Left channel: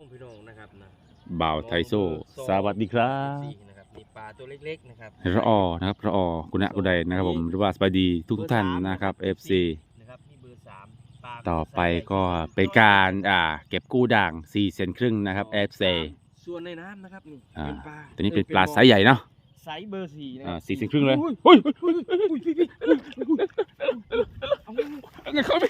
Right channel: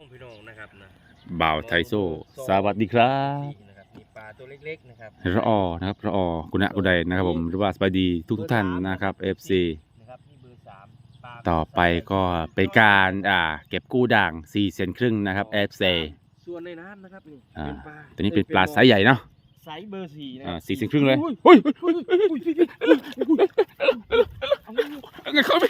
พี่น้องนะครับนะบ่าวไทโซสวัสดีครับนะครับมีปลาตัวเล็กๆนะครับระออนะครับระออคุณะกุใดนะครับผมหรือว่าสบายดีทุกทุกๆท่านนะครับ FC นะครับนี่เบอร์สามปลาต่อไปก็เป็นการอ่าเก็บกู้ด่าง4เซนครึ่งนะครับ FC ส่วนในน้ำนะครับนี่อ่าเป็นปลาตัวนี้เป็นปลาไซส์ใหญ่เนาะไซส์เบอร์สี่นะอ่าสี่เซนครึ่งเลยเฮ้ยเอาไงเข้าไป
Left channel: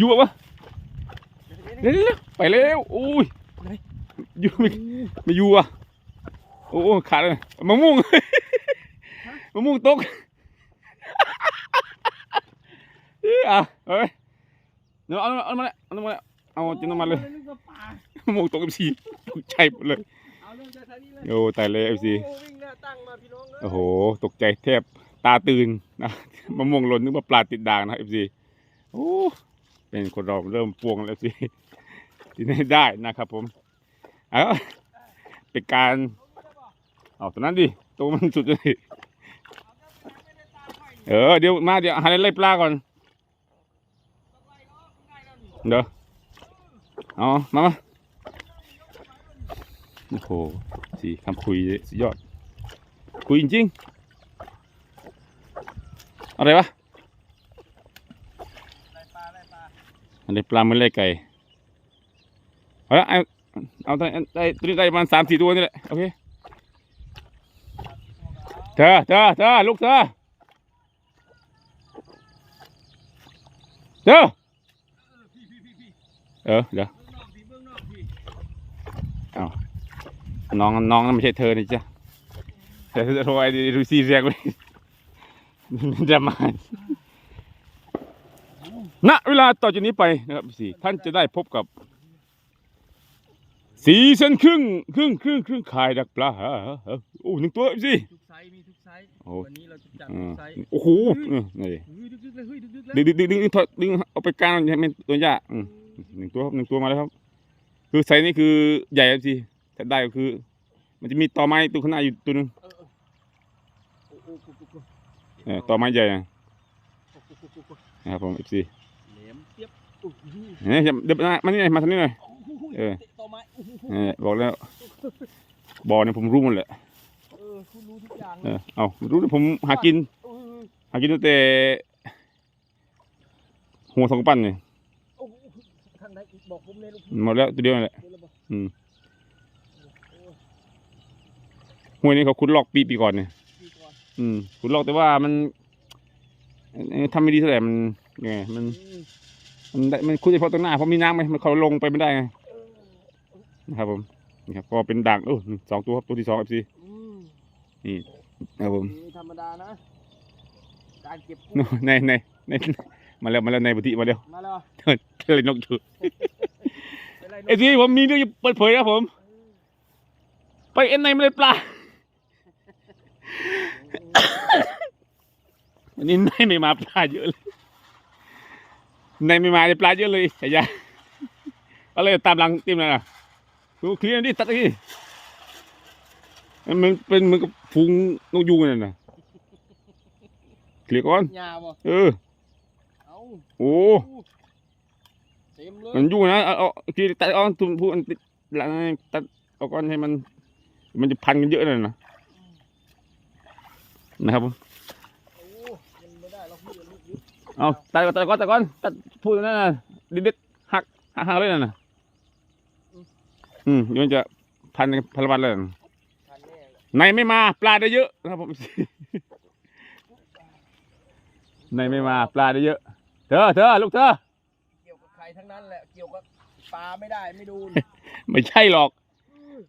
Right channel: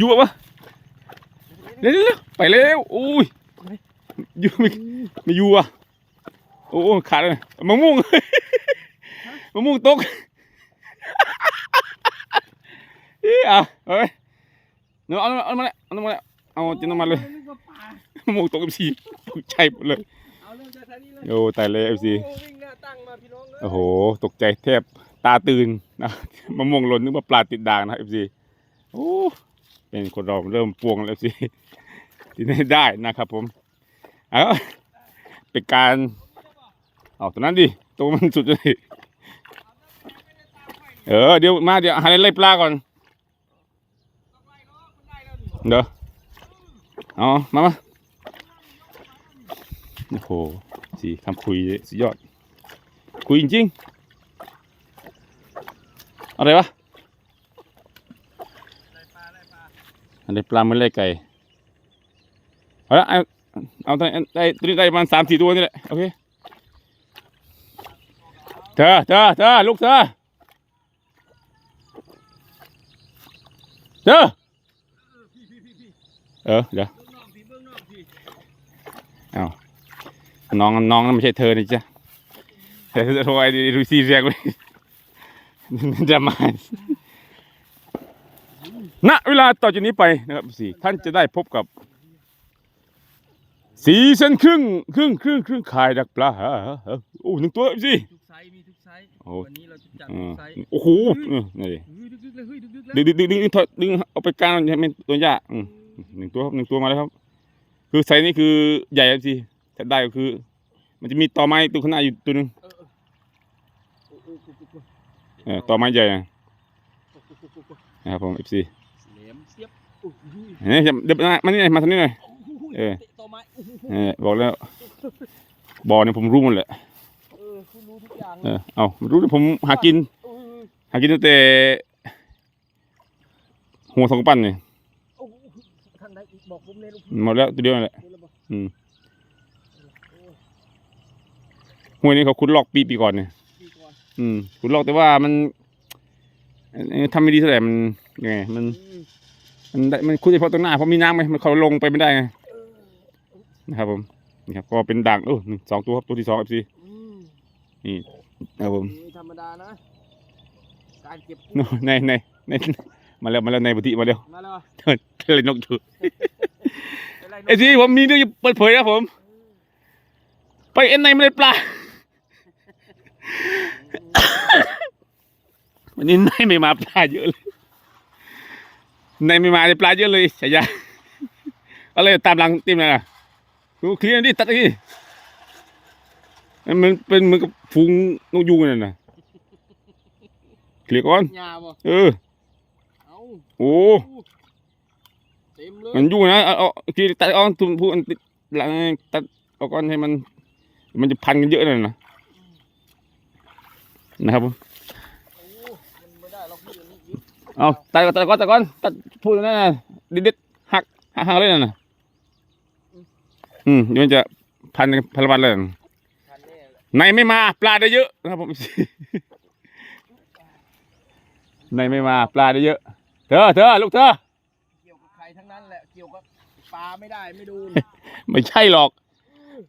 อยู่ปะวะเร็วๆๆไปเร็วโอ้ยอยู่ไม่ไม่อยู่อะโอ้ขาดเลยมะม่วงมะม่วงตกเอ้ยอะเฮ้ยเนาะเอาเอามาเลยเอามาเลยเอาจินน้ำมันเลยนึกว่าปลามะม่วงตกเอฟซีตกใจหมดเลยเอาเรื่องจากทางนี้เลยโอ้ตายเลยเอฟซีโอ้วิ่งหน้าตั้งมาพี่น้องเลยโอ้โหตกใจแทบตาตื่นนะมะม่วงหล่นนึกว่าปลาติดด่างนะเอฟซีโอ้ เป็นคนเราเริ่มปวงแล้วเอฟซีที่ไม่ได้นะครับผมเอาเป็นการเอาตัวนั้นดิตัวมันสุดเลยเออเดี๋ยวมาเดี๋ยวหาอะไรไล่ปลาก่อนเดี๋ยวเอามามาโอ้โหสีคำคุยสุดยอด คุยจริงๆอะไรวะ อะไรปลาเมือนไรไก่เอาละเอาเอาตัวนี้ได้ตัวนี้ได้ประมาณสามสี่ตัวนี่แหละโอเคเธอเธอเธอลูกเธอเธอเออเดี๋ยวเองนอกพี่เบื้องน้องนั่นไม่ใช่เธอนี่จ้ะเดี๋ยวจะโทรไอ้รูซีเรียกเลยดราม่า ณเวลาต่อจากนี้ไปนะครับสี่ท่านจะได้พบกับ สีเส้นครึ่งครึ่งครึ่งครึ่งขายดักปลาฮะฮะฮะโอ้หนึ่งตัวสิทุกไซส์มีทุกไซส์โอ้วันนี้เราจะจัดอืทุมกไซส์โอ้โหเออนี่เฮ้ยดึกๆเลยเฮ้ยดึกๆเลยดึงดึงดึงดึงดึงถอดดึงเอาไปกลางให้มันตัวยากอืมหนึ่งตัวครับหนึ่งตัวมาแล้วครับ คือไซส์นี้คือใหญ่แล้วสิถ้าได้ก็คือ มันจะมีตอไม้ตัวข้างหน้าอยู่ตัวหนึงเออเออโอ้โหโอ้โหโอ้โหเออตอไม้ใหญ่ นะโอ้โหโอ้โหโอ้โหนะครับผมเอฟซีแหลมเสียบโอ้โหเนี่ยเดี๋ยวมามานี่หน่อยมาทางนี้หน่อย เออ ตะต่อไม้โอ้โหเออบอกแล้วบ่อเนี่ยผมรู้หมดแหละเออคุณรู้ทุกอย่างเออเอารู้แต่ผมหากินโอ้ยหากินตั้งแต่หัวสองปั้นเนี่ยโอ้โหท่านใดอีกบอกผมเลยลูกพี่หมดแล้วตัวเดียวนั่นแหละ เดี๋ยวเราบอกอืมโอ้ห้วยนี้เขาขุดลอกปีปีก่อนเนี่ย พี่ก่อนอืมขุดลอกแต่ว่ามันเอ่อ ทำไม่ดีเท่าไหร่มันยังไงมันอืมมันได้มันคุยเฉพาะตรงหน้าเพราะมีน้ำไหมมันเขาลงไปไม่ได้ไงเออนะครับผมนี่ครับก็เป็นด่างโอ้หนึ่งสองตัวครับตัวที่สองเอฟซีอืมนะครับผมนี่ธรรมดานะการเก็บโน่ในในในมาแล้วมาแล้วในบุตรมาแล้วมาแล้วเธอเธอเลยนกถือเป็นไรไอ้ที่ผมมีเรื่องจะเปิดเผยนะผม ไปเอ็นในไม่ได้ปลา วันนี้ในไม่มาปลาเยอะเลยในไม่มาได้ปลาเยอะเลยฉายาอะไรตามหลังตีมนะดูเคลียร์ดิตัดดิมันเป็นเหมือนกับฝูงนกยูงนั่นน่ะเคลียร์ก่อนยาบ่เออเอาโอ้เต็มเลยมันยุ่งนะเอาเอาทีตัดเอาทุนพูดหลังตัดเอาก้อนให้มัน มันจะพันกันเยอะเลยนะนะครับผม โอ้มันไม่ได้หรอกพี่อันนี้ เอาตัดก่อนตัดก่อนตัดก่อนตัดพูดนั่นน่ะเด็ดๆหักหักหักเลยน่ะอืมเดี๋ยวมันจะพันกันพันละวันเลยทันแน่เลยในไม่มาปลาได้เยอะนะครับผม ในไม่มาปลาได้เยอะ เธอเธอลูกเธอ เกี่ยวกับใครทั้งนั้นแหละ เกี่ยวกับปลาไม่ได้ไม่ดูนไม่ใช่หรอก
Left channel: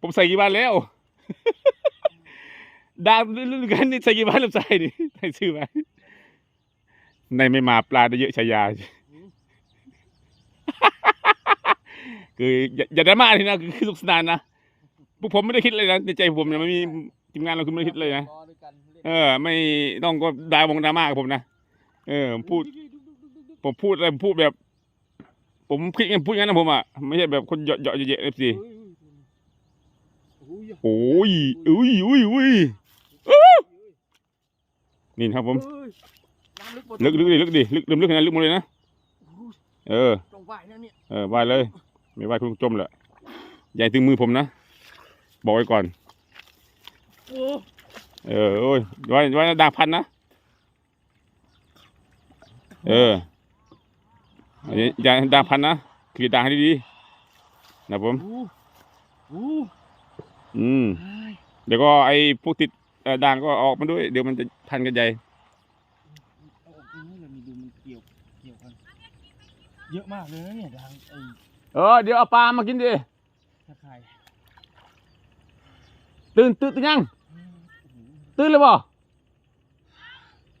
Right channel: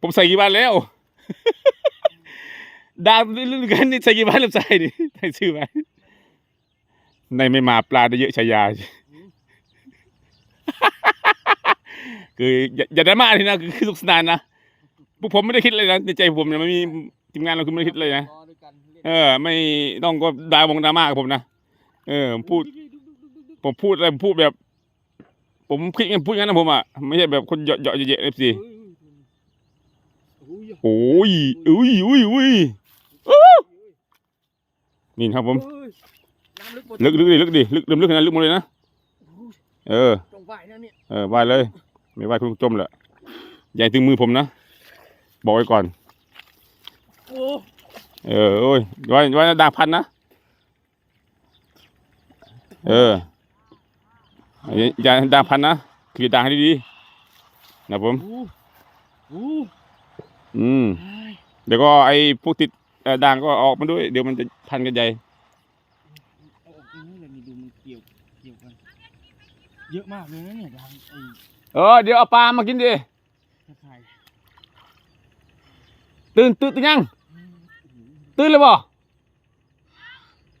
ผมใส่กี่บาทแล้ว ดาวลื่นๆกันนี่ใส่กี่บาทแล้วใส่ดิใส่ชื่อไว้ ในไม่มาปลาได้เยอะชายา คืออย่าอย่าดราม่าทีนะคือคือสนุกสนานนะพวกผมไม่ได้คิดเลยนะในใจผมเนี่ยไม่มีทีมงานเราคือไม่ได้คิดเลยนะรอด้วยกันเล่นเออ ไม่ต้องก็ดาวงดราม่ากับผมนะเออผมพูด ผมพูดอะไรผมพูดแบบ ผมคิดงั้นพูดงั้นนะผมอะไม่ใช่แบบคนเหยาะเหยาะเยอะเอฟซีเฮ้ยเฮ้ยโอ้ยอุ้ยอุ้ยอุ้ยเฮ้ยนี่ครับผมเฮ้ย น้ำลึกลึกลึกดิลึกดิลึกลึกลึกขนาดลึกหมดเลยนะเออตรงว่ายนะเนี่ยเออว่ายเลย ไม่ว่ายคุณจมแหละใหญ่ถึงมือผมนะบอกไว้ก่อนโอ้เออโอ้ยว่ายว่ายด่างพันนะเอออย่าอย่าด่างพันนะคือด่างให้ดีๆนะผมโหโอ้อืมเฮ้ยเดี๋ยวก็ไอ้พวกติดเอ่อด่างก็ออกมาด้วย เดี๋ยวมันจะพันกันใหญ่ เอาออกตรงนี้เลยนี่ดูมันเกี่ยว เกี่ยวกันเยอะมากเลยนะเนี่ยทางไอ้เออเดี๋ยวเอาปลามากินดิตะไคร่ตื่นตื่นตื่นยังอืมโอ้โหตื่นเลยบ่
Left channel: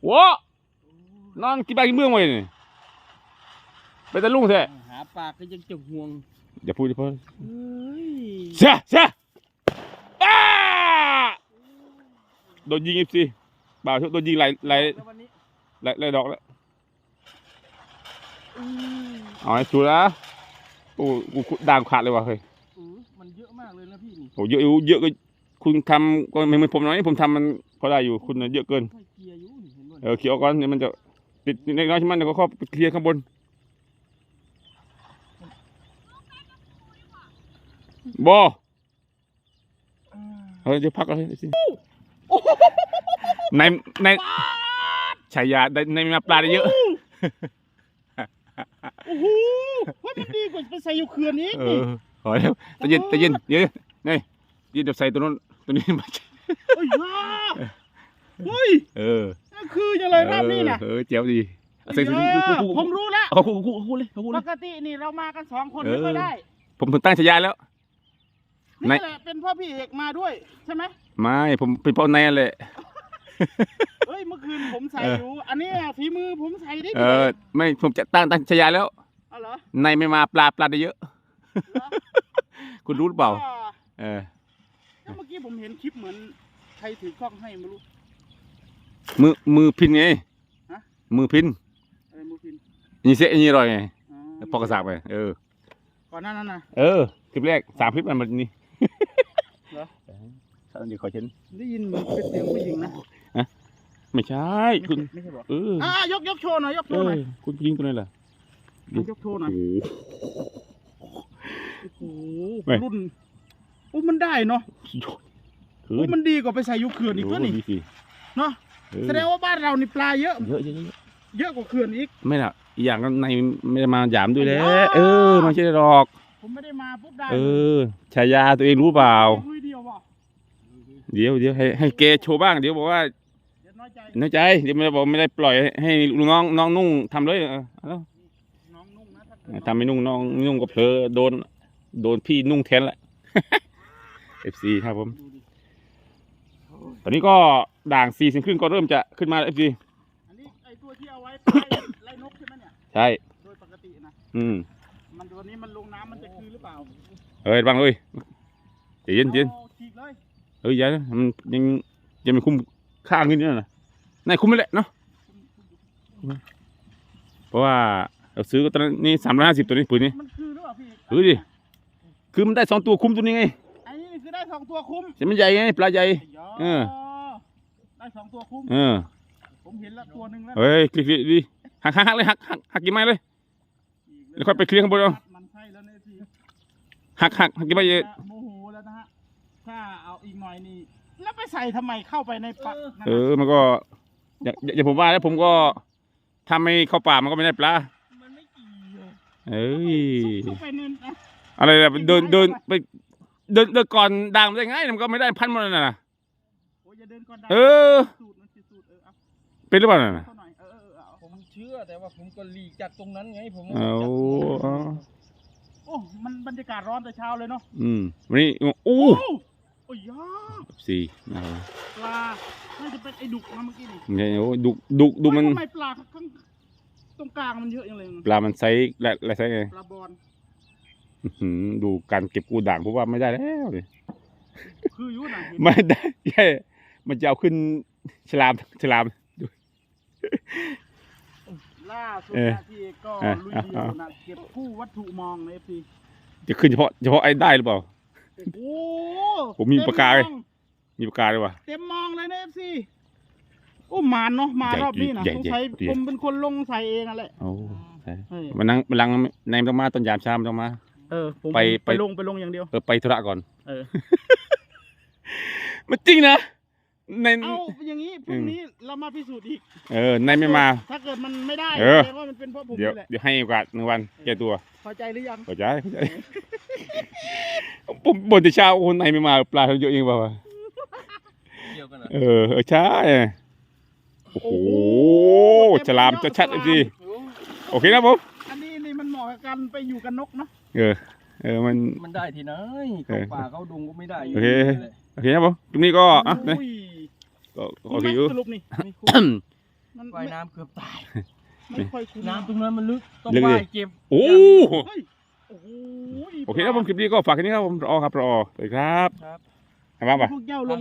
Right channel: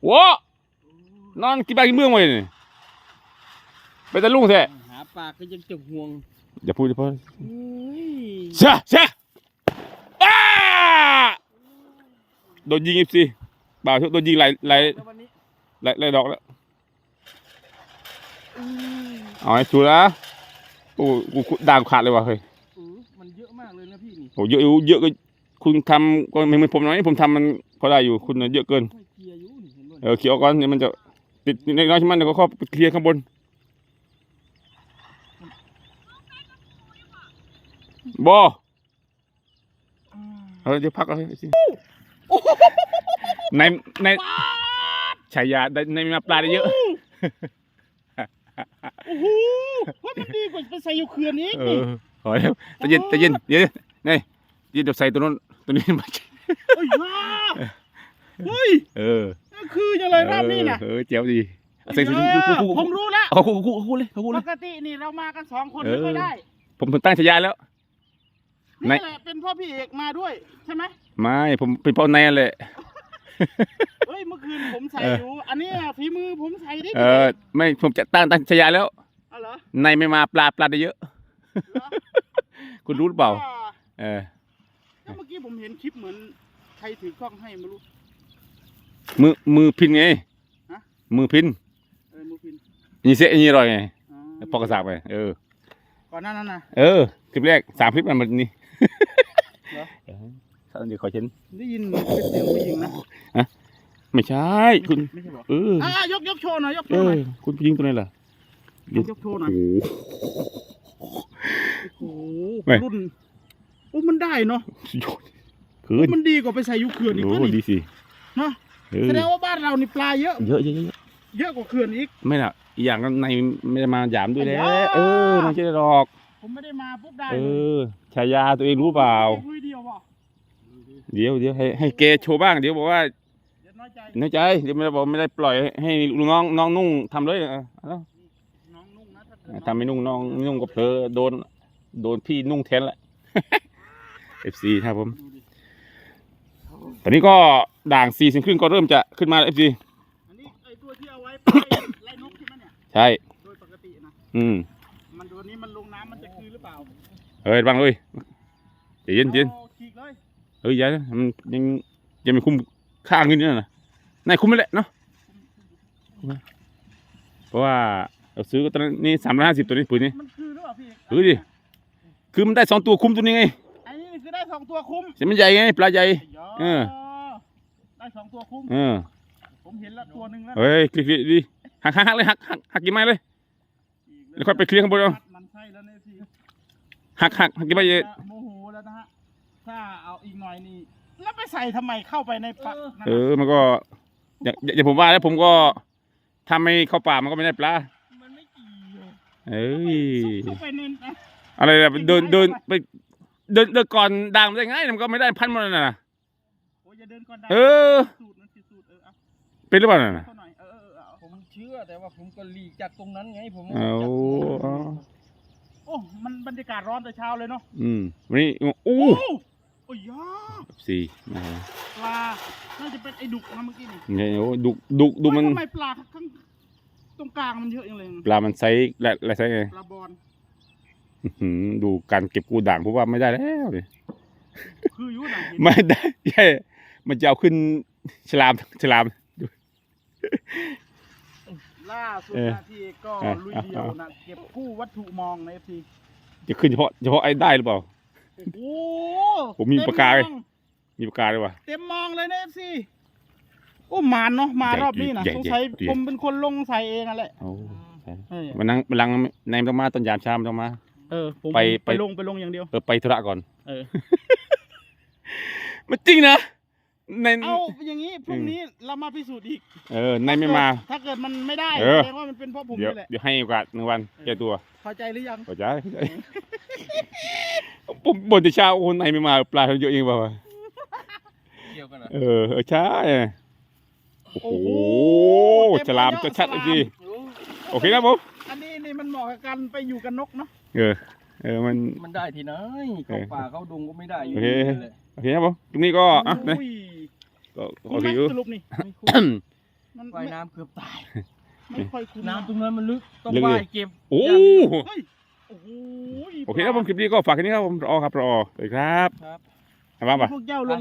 โว้นอนกินปลากินเมืองไว้นี่ไปตะลุงแท้หาปลาก็ยังจะห่วงอย่าพูดอย่าพูดเฮ้ยเสียเสียอ้าโดนยิงอีกสิบ่าวโดนยิงหลายหลายแล้ววันนี้หลายหลายดอกแล้วอืม เอาให้ชัวร์นะโอ้กูกูด่างขาดเลยว่ะเฮ้ยเออมันเยอะมากเลยนะพี่นี่โอ้เยอะอยู่เยอะก็คุณทำก็ไม่เหมือนผมหน่อยผมทำมันพอได้อยู่คุณน่ะเยอะเกินค่อยเคลียร์อยู่นี่เห็นบ่เออเขียวก่อนเดี๋ยวมันจะติดเล็กน้อยใช่ไหมเดี๋ยวก็เข้าไปเคลียร์ข้างบนบออืมเออเดี๋ยวพักเอาสิในในฉายาในในมาปลาได้เยอะ โอ้โหว่ามันดีกว่าไปใส่อยู่เขื่อนอีกเออขอแล้วแต่เย็นแต่เย็นเดี๋ยวนี่เย็นเดี๋ยวใส่ตัวนู้นตัวนี้มาเอ้ยว้าเฮ้ยเออนั่นคือยังไงรอบนี้น่ะเออเจ๋วดีเอาใส่ใส่เอคู่อคู่ผคู่มรู้แล้วเอาคู่คู่คู่เลยคู่ปเลยกตินี่เรามากันสองคนเออไม่ค่อยได้ ผมผมตั้งฉายาแล้วในนี่แหละเป็นเพ่อพี่เอกมาด้วยใช่ไหมไม่ผมเป็นเป้าในนั่นแหละ เฮ้ยเมื่อคืนผมใส่เอออยู่ อันนี้ฝีมือผมใส่ดิเออ ไม่ผมจะตั้งตั้งฉายาแล้วเอาเหรอในไม่มาปลาปลาได้เยอะเหรอคุณรู้หรือเปล่าก็เออแล้วเมื่อกี้ผมเห็นคลิปเหมือนใครถือกล้องให้ไม่รู้ มือมือพินไงฮะมือพินอะไรมือพินนี่เสียนี่อร่อยไงอ๋อพอกระสากไปเออก่อนหน้านั้นนะเออคลิปแรกสามคลิปมันมันนี่ เหรอเออตอนเดี๋ยวขอเช่นได้ยินเหมือนเป็นเสียงผู้หญิงนะไม่ใช่ไม่คุณใช่ไม่ใช่บอกเอออ่ายกยกโชว์หน่อยยกโชเอว์หอน่อยคุณผู้หญิงตัวไหนล่ะยกโชว์หน่อยโอ้โหโอ้โหไม่รุ่นโอ้มันได้เนาะสุดยอดคืโอ้นมันดีกว่าไปใส่อยูเขื่อนอีกโอ้วะนี่ดีสิเนาะเออแสดงว่าบ้านเรานี่ปลาเยอะเยอะเยอะเยอะเยอะกว่าเขื่อนอีกไม่ล่ะอีกอย่างก็ในไม่ได้มาหยามด้วยแหล้ว้าวเออไมันใช่หรอก ผมไม่ได้มาปุ๊บได้เออฉายาตัวเองรู้เปล่าลุย เดียวเปล่าเดี๋ยวเดี๋ยวให้ให้เกโชว์บ้างเดี๋ยวบอกว่าเดี๋ยวน้อยใจน้อยใจเดี๋ยวไม่ได้บอกไม่ได้ปล่อยให้ลูกน้องน้องนุ่งทำเลยเออเอาน้องนุ่งนะถ้าเกิดทำไม่นุ่งน้องนุ่งก็เพลอโดน โดนพี่นุ่งแทนละ FC ครับผมดูดิตอนนี้ก็ด่างสี่สิบครึ่งก็เริ่มจะขึ้นมาแล้ว FC อันนี้ไอตัวที่เอาไว้ไล่ไล่นกใช่ไหมเนี่ยใช่ โดยปกตินะอืมมันตัวนี้มันลงน้ำมันจะคืนหรือเปล่าเอ้ยบังเลยใจเย็นเย็นอาฉีก เลยเอ้ยอยันมันยังยังไม่คุ้มข้างนิดนึงนะนายคุ้มไม่แหละเนาะเพราะว่าเราซื้อก็ตอนนี้สามร้อยห้าสิบตัวนี้ปืนนี้มันคือหรือเปล่าพี่เฮ้ยดิคือมันได้สองตัวคุ้มตัวนี้ไงไอ้นี่คือได้สองตัวคุ้มแต่มันใหญ่ไงปลาใหญ่เออได้สองตัวคุ้มเออผมเห็นแล้วตัวหนึ่งแล้วเฮ้ยคลิกๆดิหักหักหักเลยหักหักหักกี่ไม้เลยแล้วค่อยไปเคลียร์ข้างบนเอามันใช่แล้วเนี่ยพี่หักหักหักกี่ไม้เยอะโมโหแล้วนะฮะถ้าเอาอีกหน่อยนี่แล้วไปใส่ทำไมเข้าไปในปากเออมันก็อย่างอย่างอย่างผมว่าแล้วผมก็ทำไม่เข้าป่ามันก็ไม่ได้ปลามันไม่เกี่ยวเอ้ยเข้าไปในอะอะไรล่ะเดินเดินไปเดินเดินก่อนด่างมันได้ไงมันก็ไม่ได้พันมันน่ะโอ้ยอย่าเดินก่อนได้เออ สูตรมันคือสูตรเออเอาเป็นหรือเปล่าน่ะเข้าหน่อยเออเออเออเอาผมเชื่อแต่ว่าผมก็หลีกจากตรงนั้นไง ผมเอาจากตรงนั้นเอา โอ้มันบรรยากาศร้อนแต่เช้าเลยเนาะอืมวันนี้อู้โอ้โอ้ยยาสี่นะครับปลาน่าจะเป็นไอ้ดุกนะเมื่อกี้นี่เนี่ยโอ้ดุดุดุมัน ทำไมปลาข้างตรงกลางมันเยอะจังเลยปลา มันไซส์และและไซส์ไงปลาบอลอื้อหือดูการเก็บกูด่างเพราะว่าไม่ได้แล้วเลยคืออยู่หนังเห็นไม่ได้ใช่มันจะเอาขึ้นฉลามฉลาม ล่าสุดเออนะที่ก็เออลุยเดียวนะเก็บกู้วัตถุมองในเอฟซีจะขึ้นเฉพาะเฉพาะไอ้ได้หรือเปล่า โอ้ผมมีปากกาเลยเต็มมองมีปากกาด้วยวะ เต็มมองเลยนะเอฟซีโอ้หมานเนาะมารอบนี้นะใหญ่สงใหญ่สัยใหญ่ ผมเป็นคนลงใส่เองอะแหละโอ้ใช่เออมันนั่งมันลังในต้องมาตอนยามเช้ามันต้องมา เออผมไปไป ไปลงไปลงอย่างเดียว เออไปธุระก่อน เออ มันจริงนะในเอาอย่างนี้พรุ่งนี้เรามาพิสูจน์อีกเออในไม่มา ถ้าเกิดมันไม่ได้เออ แสดงว่ามันเป็นเพราะผมเดี๋ยวนี่แหละเดี๋ยวให้โอกาสหนึ่งวันแก้ตัวเข้าใจหรือยังเข้าใจเข้าใจผม บ่นแต่เช้าโอ้ในไม่มาปลาเขาเยอะเองเปล่าวะเกี่ยวกันเหรอเออเออใช่โอ้โหฉลามจะชัดๆสิโอเคครับผมอันนี้นี่มันเหมาะกับการไปอยู่กับนกเนาะเออเออมันมันได้ที่ไหนเข้าป่าเข้าดงก็ไม่ได้อยู่โอเคดีเลยโอเคครับผมตรงนี้ก็อะนะอุ้ยก็โอคุ้มเคไหมอยู่สรุปนี่ไม่คุ้มมันว่ายไม่น้ำเกือบตายไม่ค่อยคุ้มน้ำตรงนั้นมันลึกต้องลึกเลยว่ายเก็บโอ้เฮ้ย โอ้โหโอเคครับผมคลิปนี้ก็ฝากแค่นี้ครับผมรอครับรอสวัสดีครับครับทำบ้างปะ พวกเจ้าลง